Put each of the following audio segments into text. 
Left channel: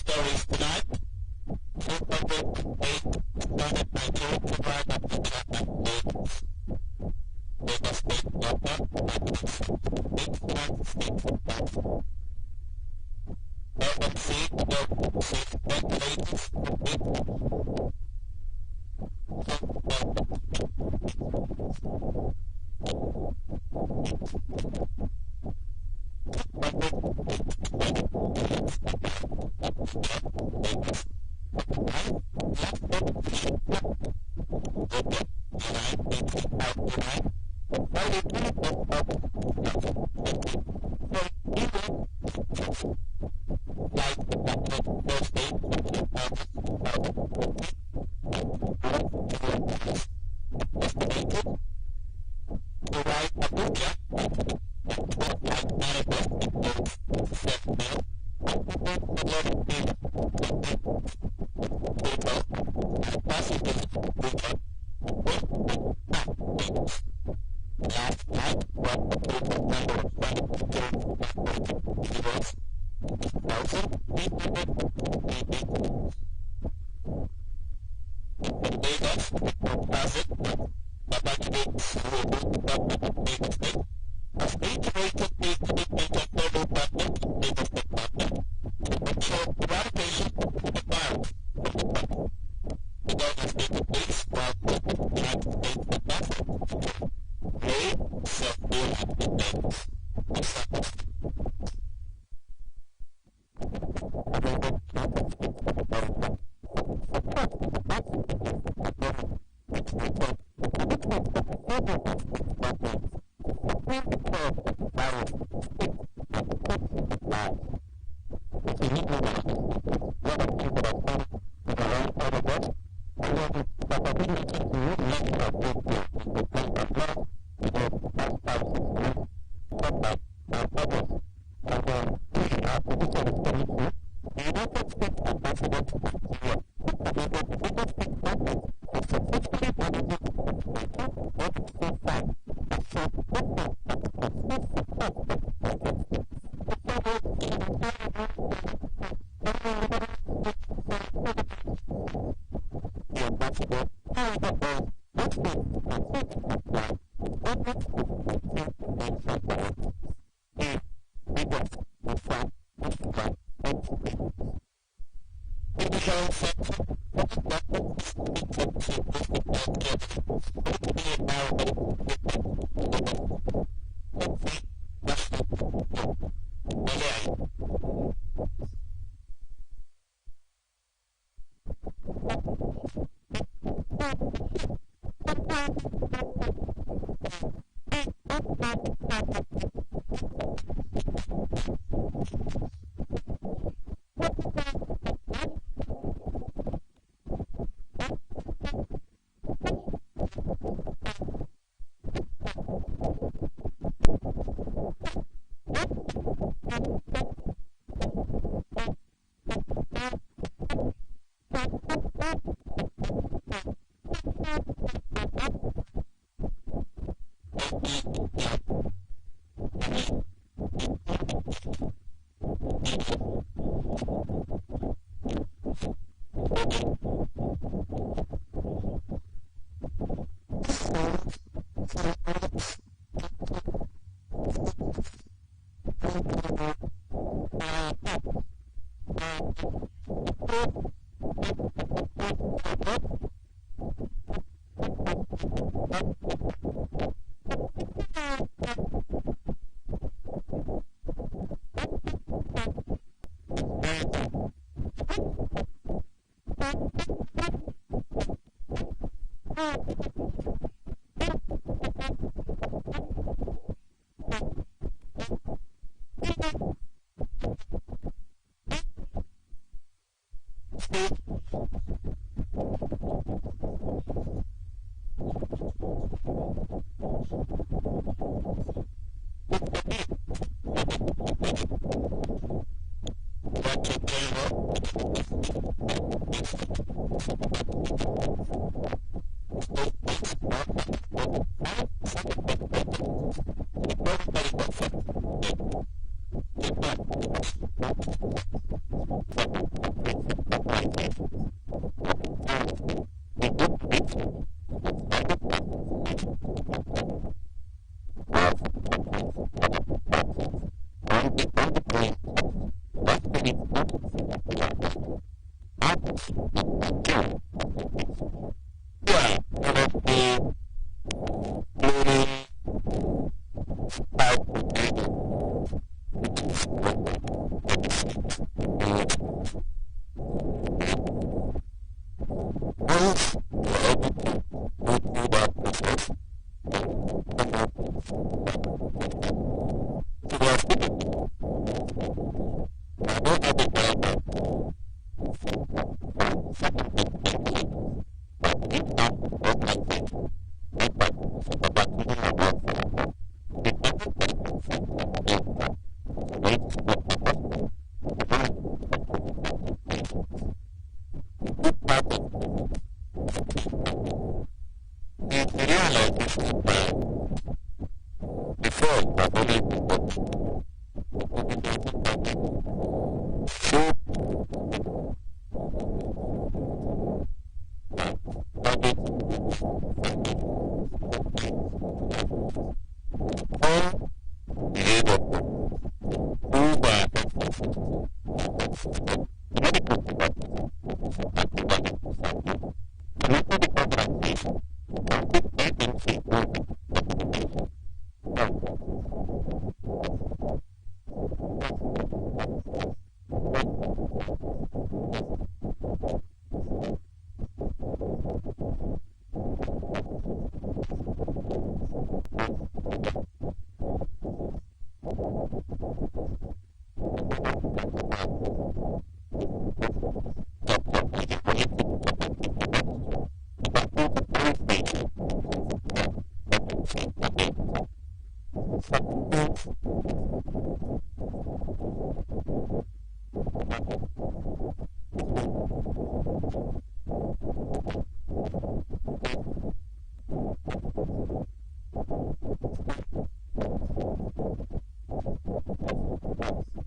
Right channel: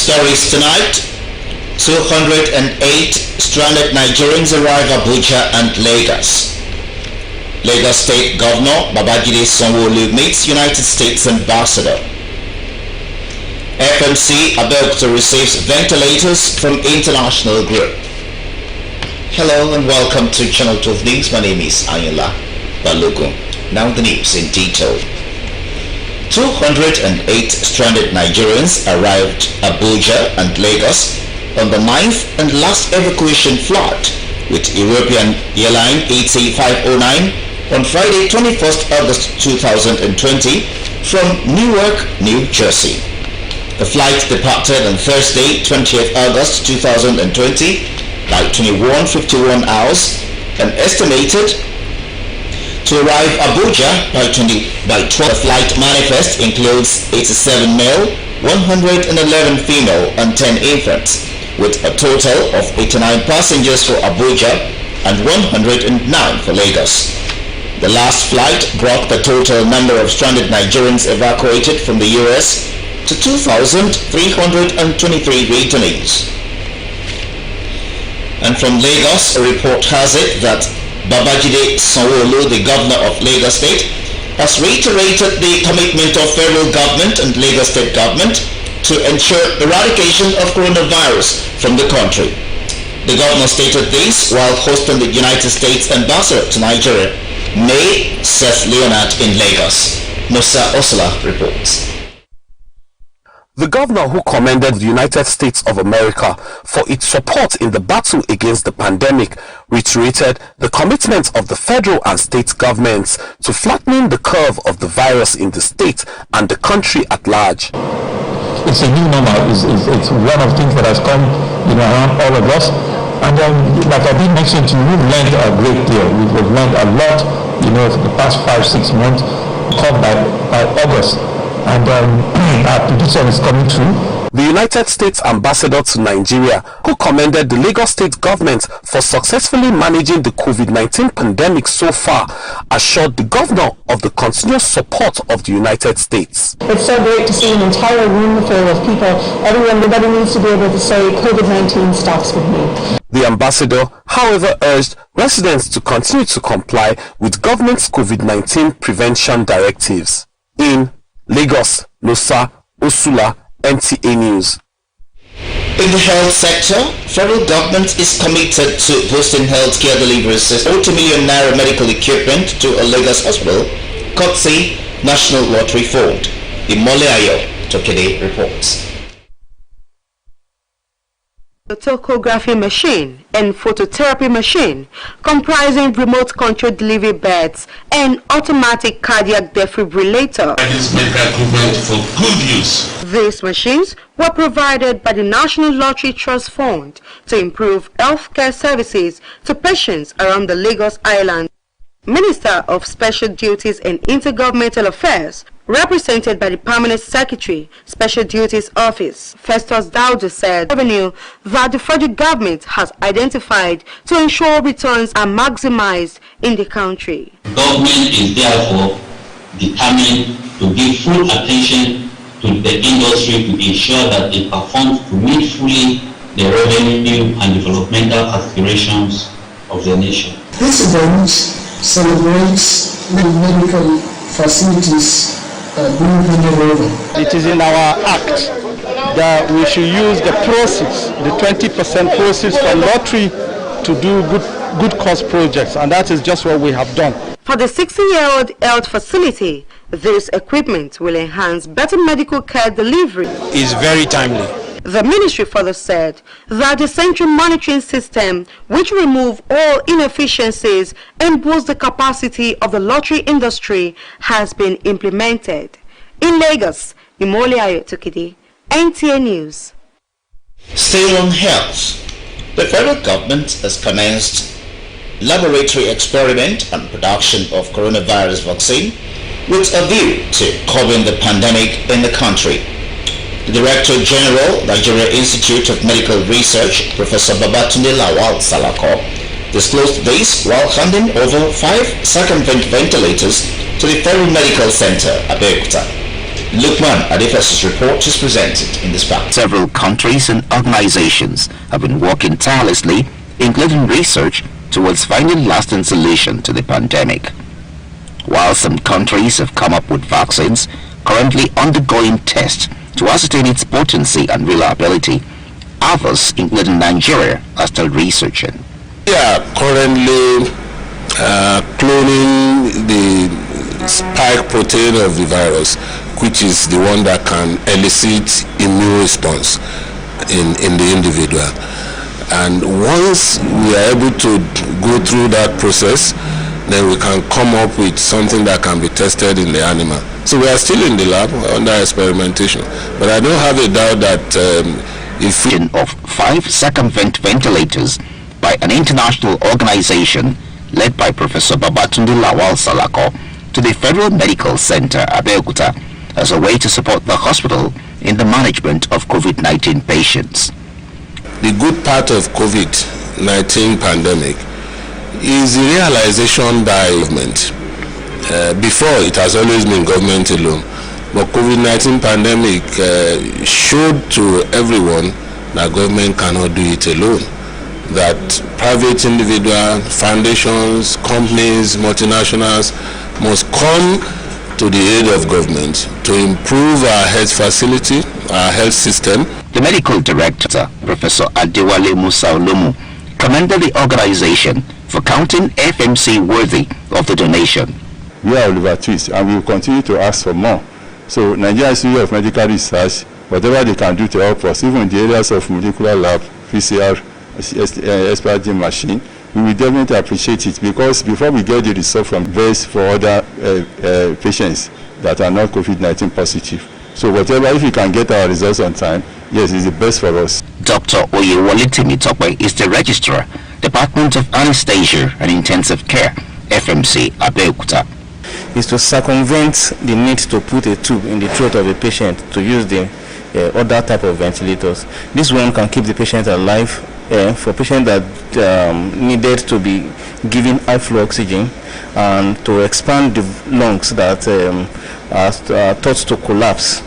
Stories tonight. 208 stranded Nigerians arrive Abuja and Lagos. Lagos State Governor Babajide Sanwo-Olu meets United States Ambassador. FMC Abeokuta receives ventilators from international group. Hello and welcome to Channel 12 News. My name is Ayala Balogun. Now the news in detail. 208 stranded Nigerians arrived Abuja and Lagos on the 9th and last evacuation flight with European airline ET509 on Friday 21st August 2020 from Newark, New Jersey. The flight departed on Thursday 20th August 2020 by 21:51 hours and estimated to arrive Abuja by 12. The flight manifest includes 87 male, 111 female and 10 infants, with a total of 89 passengers for Abuja and 109 for Lagos. The last flight brought the total number of stranded Nigerians evacuated from the US to 2,323 returnees. And from Lagos, a report has it that Babajide Sanwo-Olu, the governor of Lagos State, has reiterated the commitment of federal government and Lagos State government to ensure eradication of coronavirus from the country. The governor stated this while hosting the United States ambassador to Nigeria, May Seth Leonard, in Lagos. Musa Osla reports. The governor, who commended the United States of America for its support in the battle against the pandemic, reiterated the commitment of the federal and state governments to flattening the curve of the virus in the state and the country at large. It's a new normal. It's one of the things that has come, around all of us. And like I did mention to you, we've learned a great deal. We've learned a lot, for the past 5-6 months, come by August. And our prediction is coming true. The United States ambassador to Nigeria, who commended the Lagos State government for successfully managing the COVID-19 pandemic so far, assured the governor of the continuous support of the United States. It's so great to see an entire room full of people. Everybody needs to be able to say COVID-19 stops with me. The ambassador, however, urged residents to continue to comply with government's COVID-19 prevention directives. In Lagos, Nosa Osula, NTA News. In the health sector, federal government is committed to boosting healthcare delivery system. 40 million naira medical equipment to a Lagos hospital, courtesy National Lottery Fund. Imole Ayo Tokede reports. A tachography machine and phototherapy machine comprising remote control delivery beds and automatic cardiac defibrillator. This medical equipment for good use. These machines were provided by the National Lottery Trust Fund to improve healthcare services to patients around the Lagos Island. Minister of Special Duties and Intergovernmental Affairs, represented by the Permanent Secretary, Special Duties Office, Festus Daudu, said revenue that the federal government has identified to ensure returns are maximized in the country. Government is therefore determined to give full attention to the industry to ensure that it performs to meet fully the revenue and developmental aspirations of the nation. This event celebrates the medical facilities being handed over. It is in our act that we should use the proceeds, the 20% proceeds from lottery, to do good cause projects, and that is just what we have done. For the 60-year-old health facility, this equipment will enhance better medical care delivery. It's very timely. The ministry further said that the central monitoring system, which will remove all inefficiencies and boost the capacity of the lottery industry, has been implemented. In Lagos, Imole Ayo Tokede, NTA News. Still on health, the federal government has commenced laboratory experiment and production of coronavirus vaccine with a view to curbing the pandemic in the country. The Director General, Nigeria Institute of Medical Research, Professor Babatunde Lawal Salako, disclosed this while handing over 5 second ventilators to the Federal Medical Center, Abeokuta. Lukman Adefes's report is presented in this part. Several countries and organizations have been working tirelessly, including research, towards finding lasting solution to the pandemic. While some countries have come up with vaccines currently undergoing tests to ascertain its potency and reliability, others, including Nigeria, are still researching. We are currently cloning the spike protein of the virus, which is the one that can elicit immune response in the individual. And once we are able to go through that process, then we can come up with something that can be tested in the animal. So we are still in the lab under experimentation, but I don't have a doubt that if we of 5 circumvent ventilators by an international organization led by Professor Babatunde Lawal Salako to the Federal Medical Center Abeokuta as a way to support the hospital in the management of COVID-19 patients. The good part of COVID-19 pandemic is the realization by government. Before, it has always been government alone, but COVID-19 pandemic showed to everyone that government cannot do it alone, that private individuals, foundations, companies, multinationals must come to the aid of government to improve our health facility, our health system. The medical director, Professor Adewale Musa Olomu, commended the organization for counting FMC worthy of the donation. We are Oliver Twist, and we will continue to ask for more. So Nigeria Institute of Medical Research, whatever they can do to help us, even in the areas of molecular lab, PCR, SPRG machine, we will definitely appreciate it, because before we get the result from best for other patients that are not COVID-19 positive. So whatever, if we can get our results on time, yes, it's the best for us. Dr. Oyewole Timitope is the Registrar, Department of Anesthesia and Intensive Care, FMC Abeokuta. Is to circumvent the need to put a tube in the throat of a patient to use the other type of ventilators. This one can keep the patient alive. For patients that needed to be given high flow oxygen and to expand the lungs that are thought to collapse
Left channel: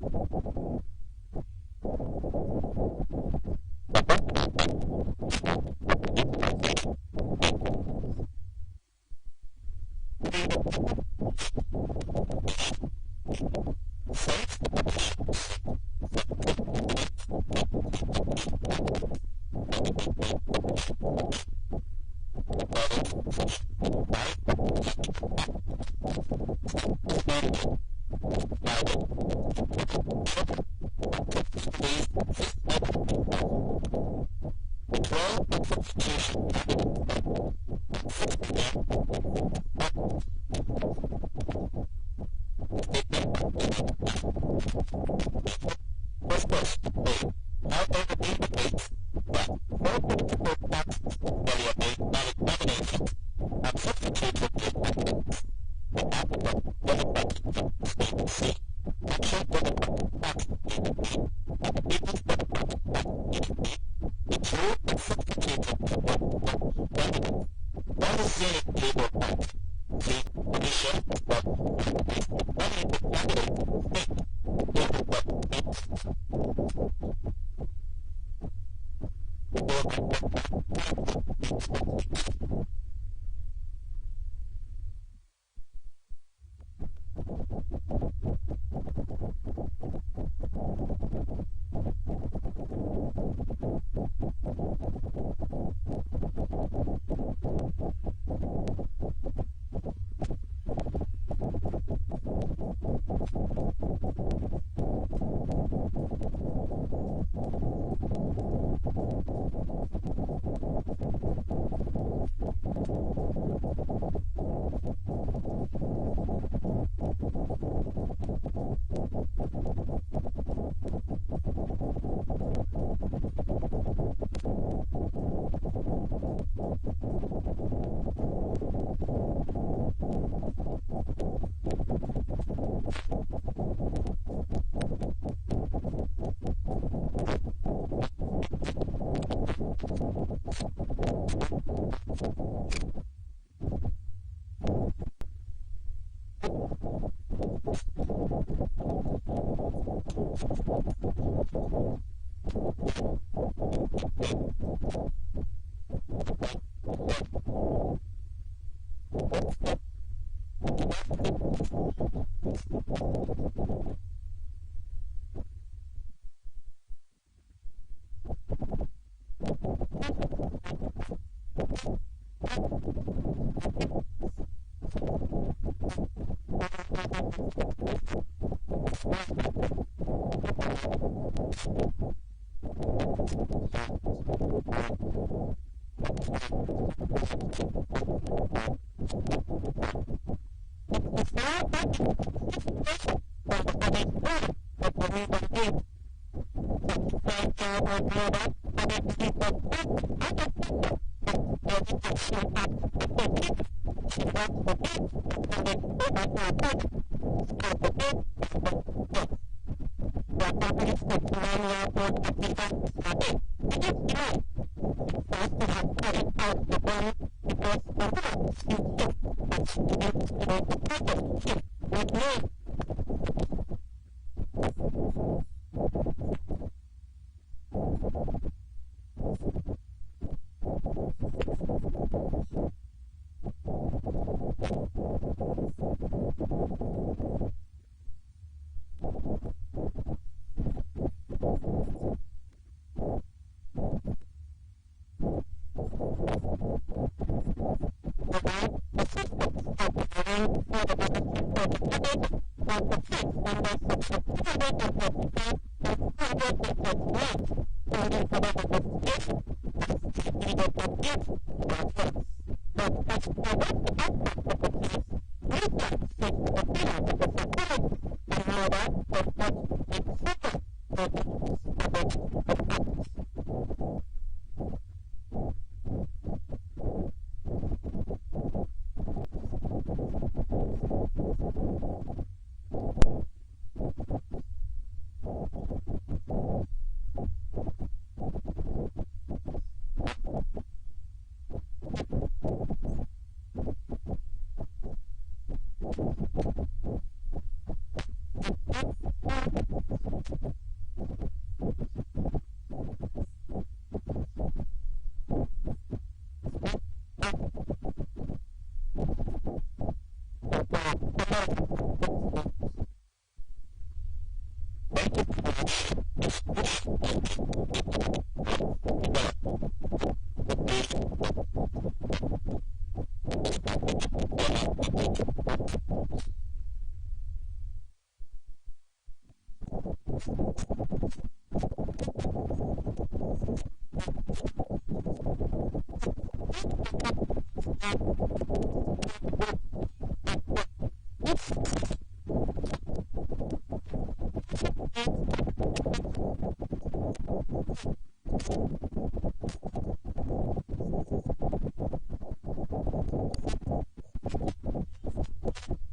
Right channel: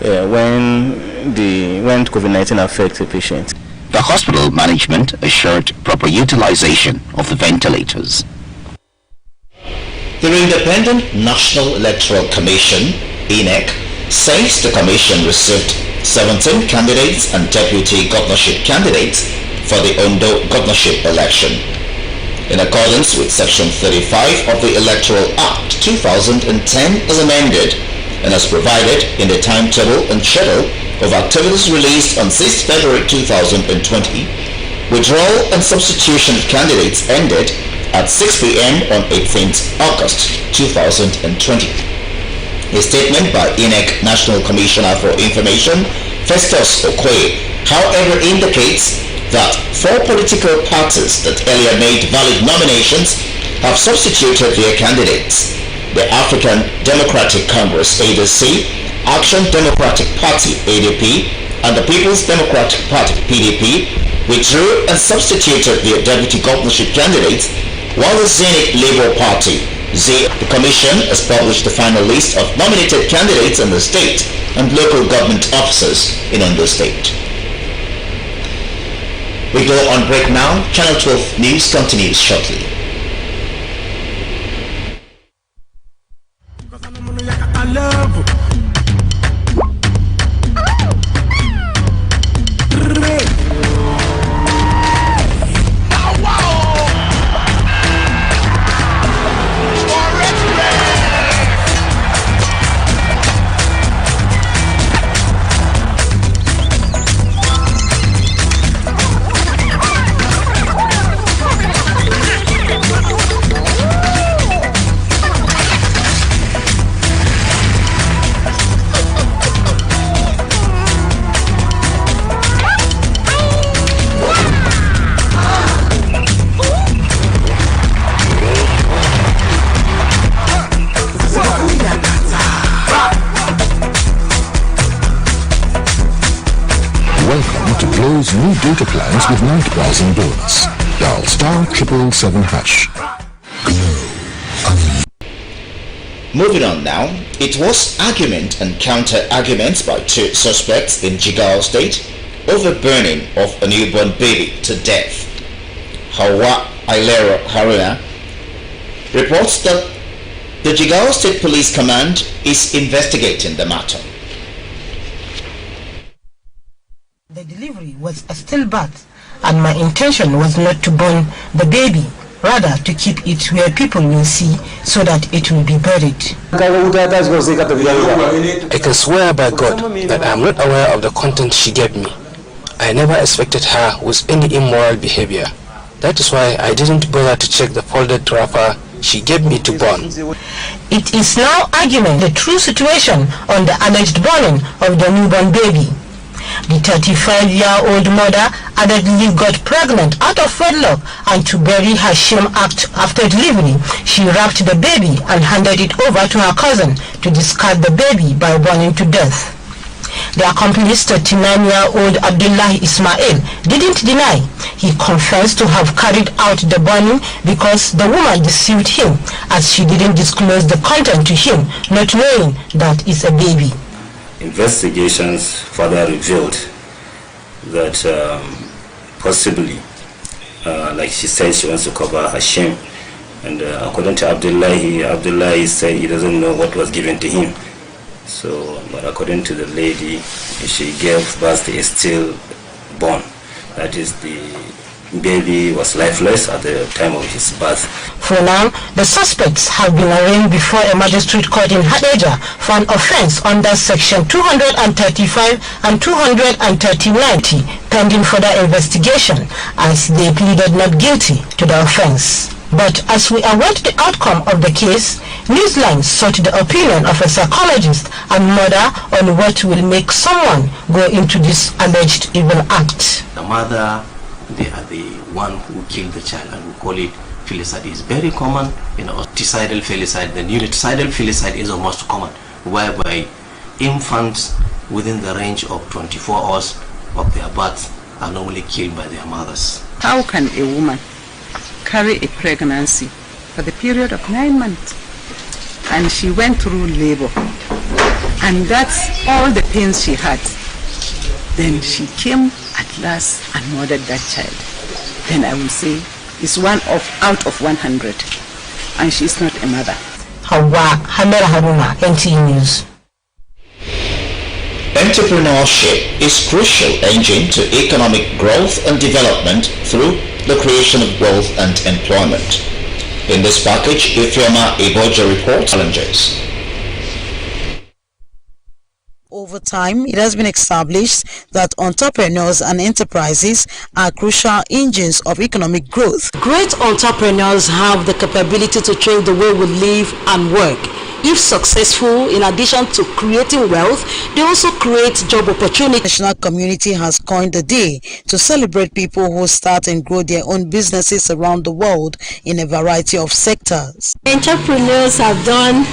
when COVID-19 affects a patient. The hospital management assured proper utilization of the ventilators. The Independent National Electoral Commission, INEC, says the commission received 17 candidates and deputy governorship candidates for the Ondo governorship election. In accordance with Section 35 of the Electoral Act 2010 as amended and as provided in the timetable and schedule of activities released on 6 February 2020, withdrawal and substitution of candidates ended at 6 p.m. on 18th August 2020. A statement by INEC National Commissioner for Information, Festus Okoye, however, indicates that 4 political parties that earlier made valid nominations have substituted their candidates. The African Democratic Congress ADC, Action Democratic Party ADP, and the People's Democratic Party PDP withdrew and substituted their deputy governorship candidates, while the Zenith Labour Party, the Commission, has published the final list of nominated candidates in the state and local government officers in Ondo State. We go on break now. Channel 12 News continues shortly. New data plans with night browsing bonus. Dial *777#. Moving on now, it was argument and counter-arguments by two suspects in Jigawa State over burning of a newborn baby to death. Hawa Ailero Haruna reports that the Jigawa State Police Command is investigating the matter. The delivery was a stillbirth, and my intention was not to burn the baby, rather to keep it where people will see so that it will be buried. I can swear by God that I am not aware of the content she gave me. I never expected her with any immoral behavior. That is why I didn't bother to check the folded wrapper she gave me to burn. It is now arguing the true situation on the alleged burning of the newborn baby. The 35-year-old mother allegedly got pregnant out of wedlock, and to bury her shame after delivery, she wrapped the baby and handed it over to her cousin to discard the baby by burning to death. The accomplice, 39-year-old Abdullahi Ismail, didn't deny. He confessed to have carried out the burning because the woman deceived him, as she didn't disclose the content to him, not knowing that it's a baby. Investigations further revealed that possibly, like she said, she wants to cover her shame. And according to Abdullahi said he doesn't know what was given to him. So, but according to the lady, she gave birth to a stillborn. That is, the baby was lifeless at the time of his birth. For now, the suspects have been arraigned before a magistrate court in Hadeja for an offense under section 235 and 239, pending further investigation, as they pleaded not guilty to the offense. But as we await the outcome of the case, Newsline sought the opinion of a psychologist and mother on what will make someone go into this alleged evil act. The mother, they are the one who killed the child, and we call it filicide. It's very common in autistic filicide. The neuricidal filicide is the most common, whereby infants within the range of 24 hours of their birth are normally killed by their mothers. How can a woman carry a pregnancy for the period of 9 months, and she went through labor, and that's all the pains she had? Then she came at last and murdered that child. Then I will say it's one out of 100, and she's not a mother. Hawa Haruna, NTA News. Entrepreneurship is a crucial engine to economic growth and development through the creation of wealth and employment. In this package, Nta Abeokuta reports challenges. Over time, it has been established that entrepreneurs and enterprises are crucial engines of economic growth. Great entrepreneurs have the capability to change the way we live and work. If successful, in addition to creating wealth, they also create job opportunities. The national community has coined the day to celebrate people who start and grow their own businesses around the world in a variety of sectors. Entrepreneurs have done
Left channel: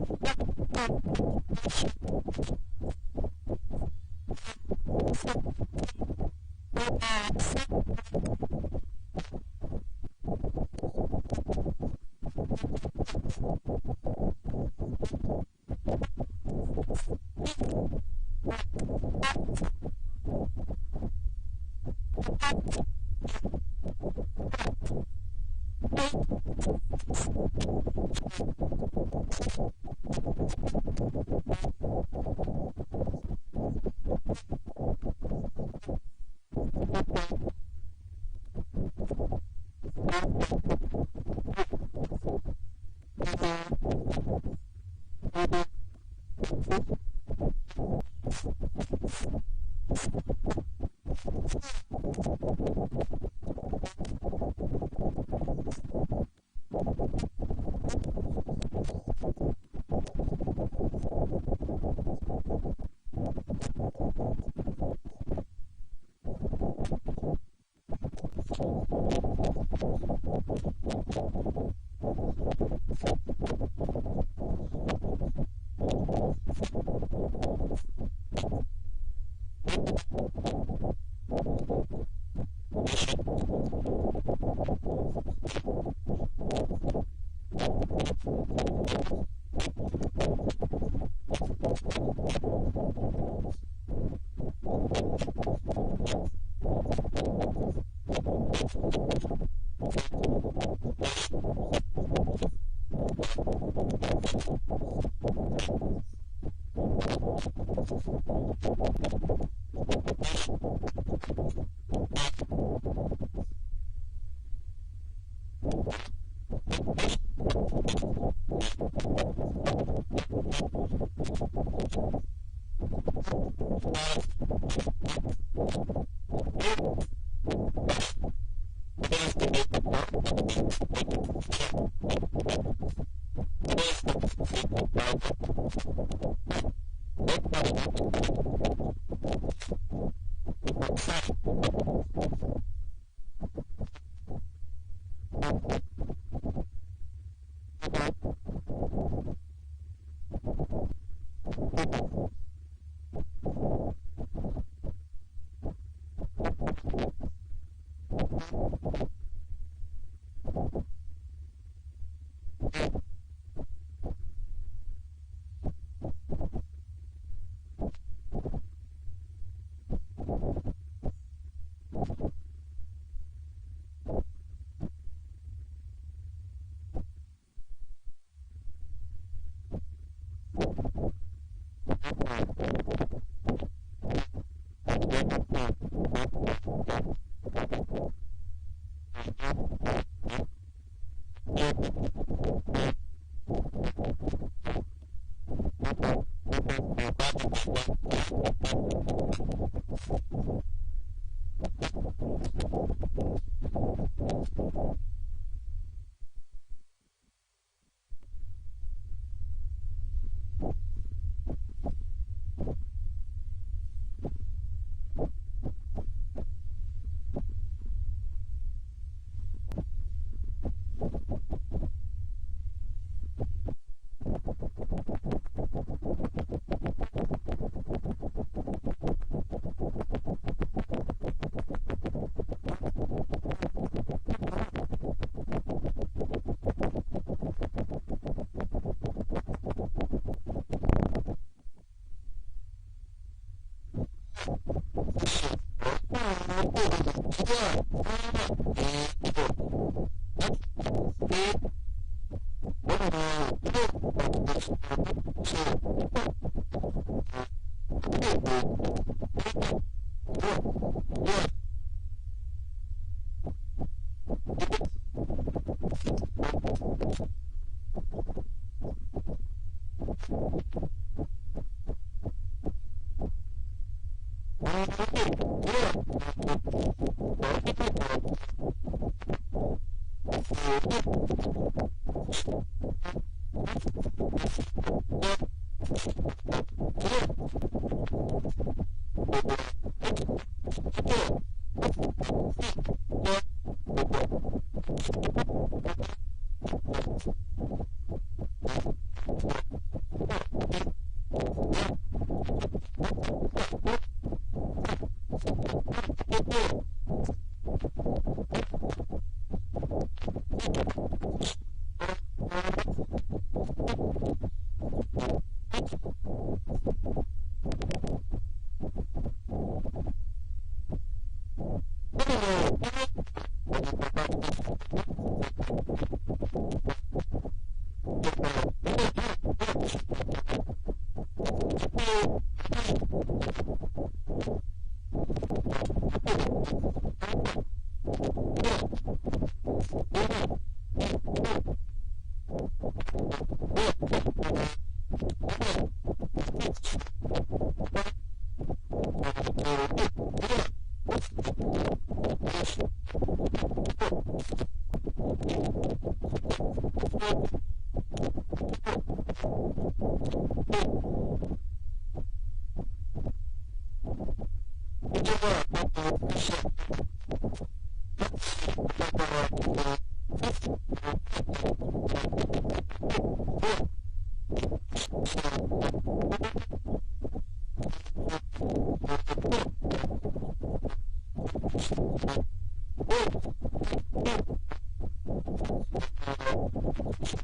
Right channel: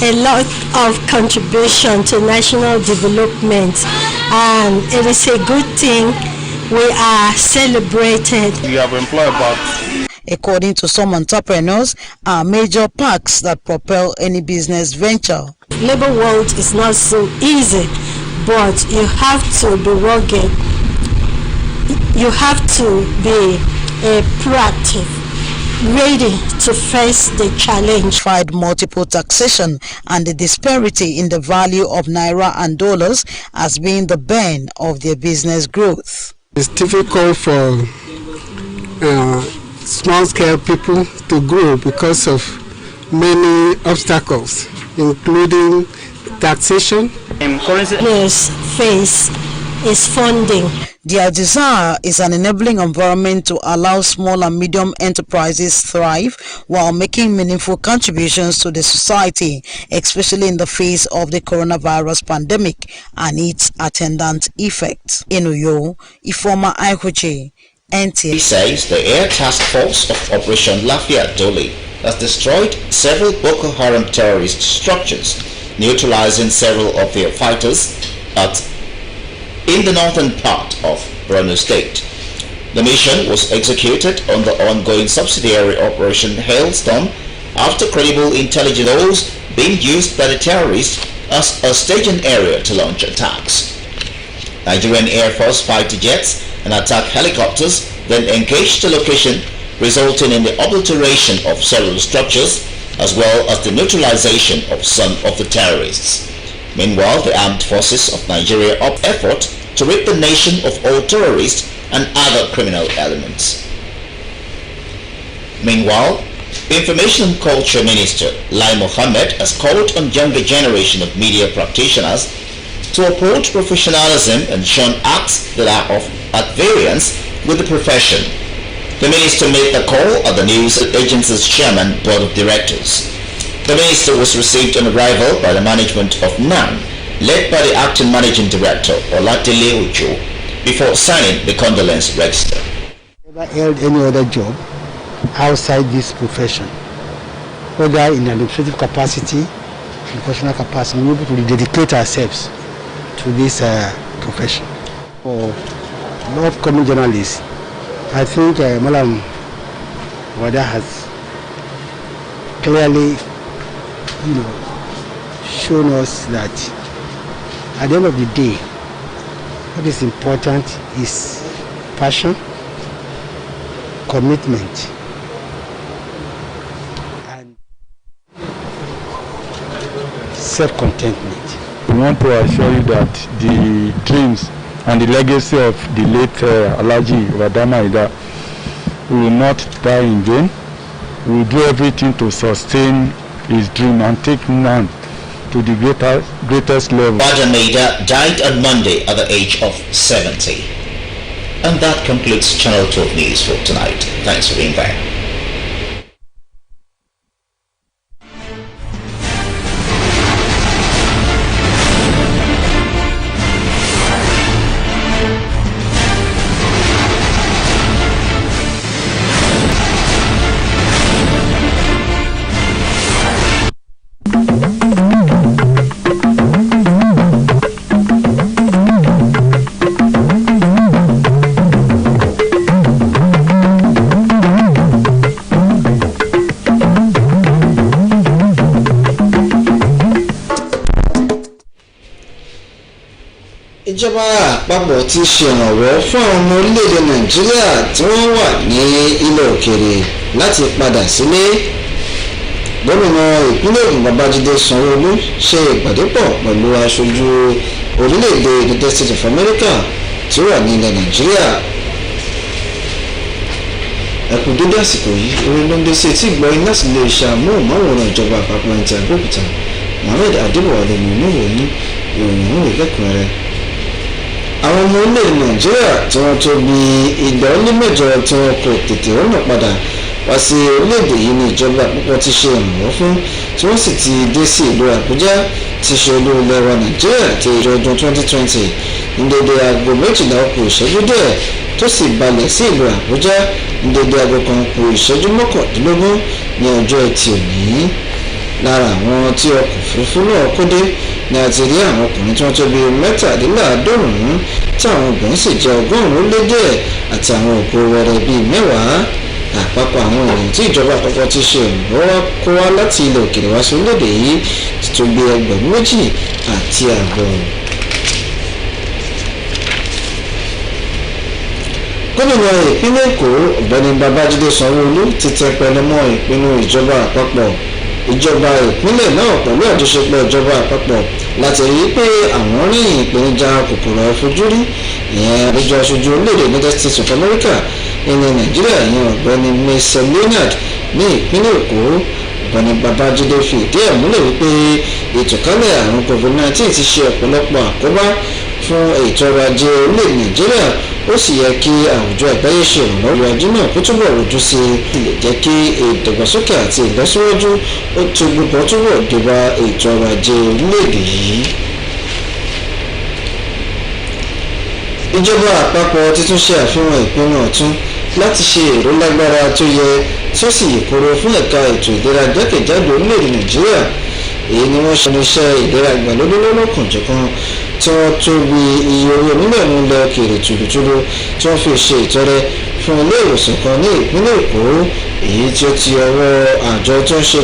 a lot of contribution to national development, and it is a good thing. We are celebrated. We have employed about, according to some entrepreneurs, are major parks that propel any business venture. Labor world is not so easy, but you have to be rugged. You have to be proactive, ready to face the challenge. Fight multiple taxation and the disparity in the value of naira and dollars as being the bane of their business growth. It's difficult for small-scale people to grow because of many obstacles, including taxation. Yes, face is funding. Their desire is an enabling environment to allow small and medium enterprises thrive while making meaningful contributions to the society, especially in the face of the coronavirus pandemic and its attendant effects. In Uyo, Ifoma Aihuchi, NTA. He says the Air Task Force of Operation Lafayette Dole has destroyed several Boko Haram terrorist structures, neutralizing several of their fighters in the northern part of Borno State. The mission was executed on the ongoing subsidiary Operation Hailstorm after credible intelligence being used by the terrorists as a staging area to launch attacks. Nigerian Air Force fighter jets and attack helicopters then engaged the location, resulting in the obliteration of several structures as well as the neutralization of some of the terrorists. Meanwhile, the armed forces of Nigeria up effort to rid the nation of all terrorists and other criminal elements. Meanwhile, Information and Culture Minister Lai Mohammed has called on younger generation of media practitioners to uphold professionalism and shun acts that are at variance with the profession. The minister made the call at the news agency's chairman board of directors. The minister was received on arrival by the management of NAN, led by the acting managing director Olatile Ojo, before signing the condolence register. Never held any other job outside this profession, whether in administrative capacity, in professional capacity. We are able to dedicate ourselves to this profession. For a lot of coming journalists, I think Malam Wada has clearly, shown us that at the end of the day, what is important is passion, commitment, and self-contentment. We want to assure you that the dreams and the legacy of the late Alhaji Wadama Ida will not die in vain. We will do everything to sustain his dream and take NAN to the greatest level. Wadama Ida died on Monday at the age of 70. And that concludes Channel 12 News for tonight. Thanks for being there. ìjọba àpapọ̀ ti ṣèrànwọ́ fún àwọn ọmọ orílẹ̀-èdè nàìjíríà tí wọ́n wà ní ilẹ̀ òkèèrè láti padà sílé. gómìnà ìpínlẹ̀ Ògùn Babájídé Sanwó-Olú ṣe ìpàdé pọ̀ pẹ̀lú aṣojú orílẹ̀-èdè United States of America tí ó wà ní ilẹ̀ nàìjíríà. ẹkùn dédé àsìkò yìí orin ló ń dé sí etí ìgbọ́yìn láti lè ṣàmúhùnmáwòrán ìjọba àpapọ̀ Nta Abeokuta. Mohammed Adébọ̀wálé ní oníròyìn ìròyìn òun ìlẹ́kùnrẹ́rẹ́. àwọn ọmọ orílẹ̀-èdè nàìjíríà tí wọ́n tó bí 208 tí wọ́n kò tètè rọ́nà padà wá sí orílẹ̀-èdè yìí ní ìjọba àpapọ̀ ti ṣe ìrànwọ́ fún, tí wọ́n sì ti dé sí ìlú àbújá ti ṣe olú ilẹ̀ wa nàìjíríà ti ìjọ ọdún 2020 ní dédé aago 12 kù ìṣẹ́jú díẹ̀ tó sì balẹ̀ sí ìlú àbújá ní dédé aago 1 kù ìṣẹ́jú 19 ní ọjọ́ ẹtì òní. lára àwọn tí ọkọ̀ òfurufú náà kó dé ni a ti rí àwọn ọkùnrin tí wọ́n tó bí 97 tí àwọn obìnrin sì jẹ́ 100 lé díẹ̀ àti àwọn òkú wẹrẹ bíi 10. àpapọ̀ àwọn ènìyàn tí ìjọba àpapọ̀ ti ṣe ìrànlọ́wọ́ kó wá láti ilẹ̀ òkèèrè wá sí orílẹ̀-èdè yìí ti tó bí 2,500. gómìnà ìpínlẹ̀ Èkó ọ̀gbẹ́ni Babájídé Sanwó-Olú ti tẹpẹlẹ mọ́ ìpinnu ìjọba àpapọ̀ ìjọba ìpínlẹ̀ náà pẹ̀lú àjọṣepọ̀ ìjọba àpapọ̀ láti rí i pé àwọn ríyìn ìpèníjà kòkòrò àìfojúrí ìyẹn àbújá aṣojú orílẹ̀-èdè United States of America ní nàìjíríà ìyẹn ọ̀gbẹ́ni Mason Leonard ní ìpínlẹ̀ Èkó. ọ̀gbẹ́ni Babájídé fi ìdí ẹ̀ múlẹ̀ wípé ìtànkálẹ̀ àrùn COVID-19 ti ṣe ọ̀pọ̀lọpọ̀ àkóbá fún ètò ọrọ̀ ajé orílẹ̀-èdè nàìjíríà, ó sì yẹ kí àwùjọ àgbáyé ṣe ìrànlọ́wọ́ ajé náà kó túbọ̀ rojú sí i lè jẹ́ kí ìdàgbàsókè àti ìlọsíwájú ó túbọ̀ débá ètò ọrọ̀ ajé orílẹ̀-èdè yìí. ìjọba àpapọ̀ ti tún ṣe àfihàn ìpinnu ọ̀tun láti ṣe ìrólágbára tó yẹ tí ó sì yèkoro fún ẹ̀ka ètò ìlera jákèjádò orílẹ̀-èdè nàìjíríà. èyí ni wọ́n ṣe iṣẹ́ ìlera ìgbàlódé lọ́lọ́kanjọ̀kan tí wọ́n tó bí iye owó mílíọ̀nù ilẹ̀ òkèèrè tùlùtùlù tí wọ́n fi ṣe ìtọrẹ fún ilé ìwòsàn kan ní ìpínlẹ̀ Èkó, èyí tí ó ti ọwọ́ àjọ tó ń ṣe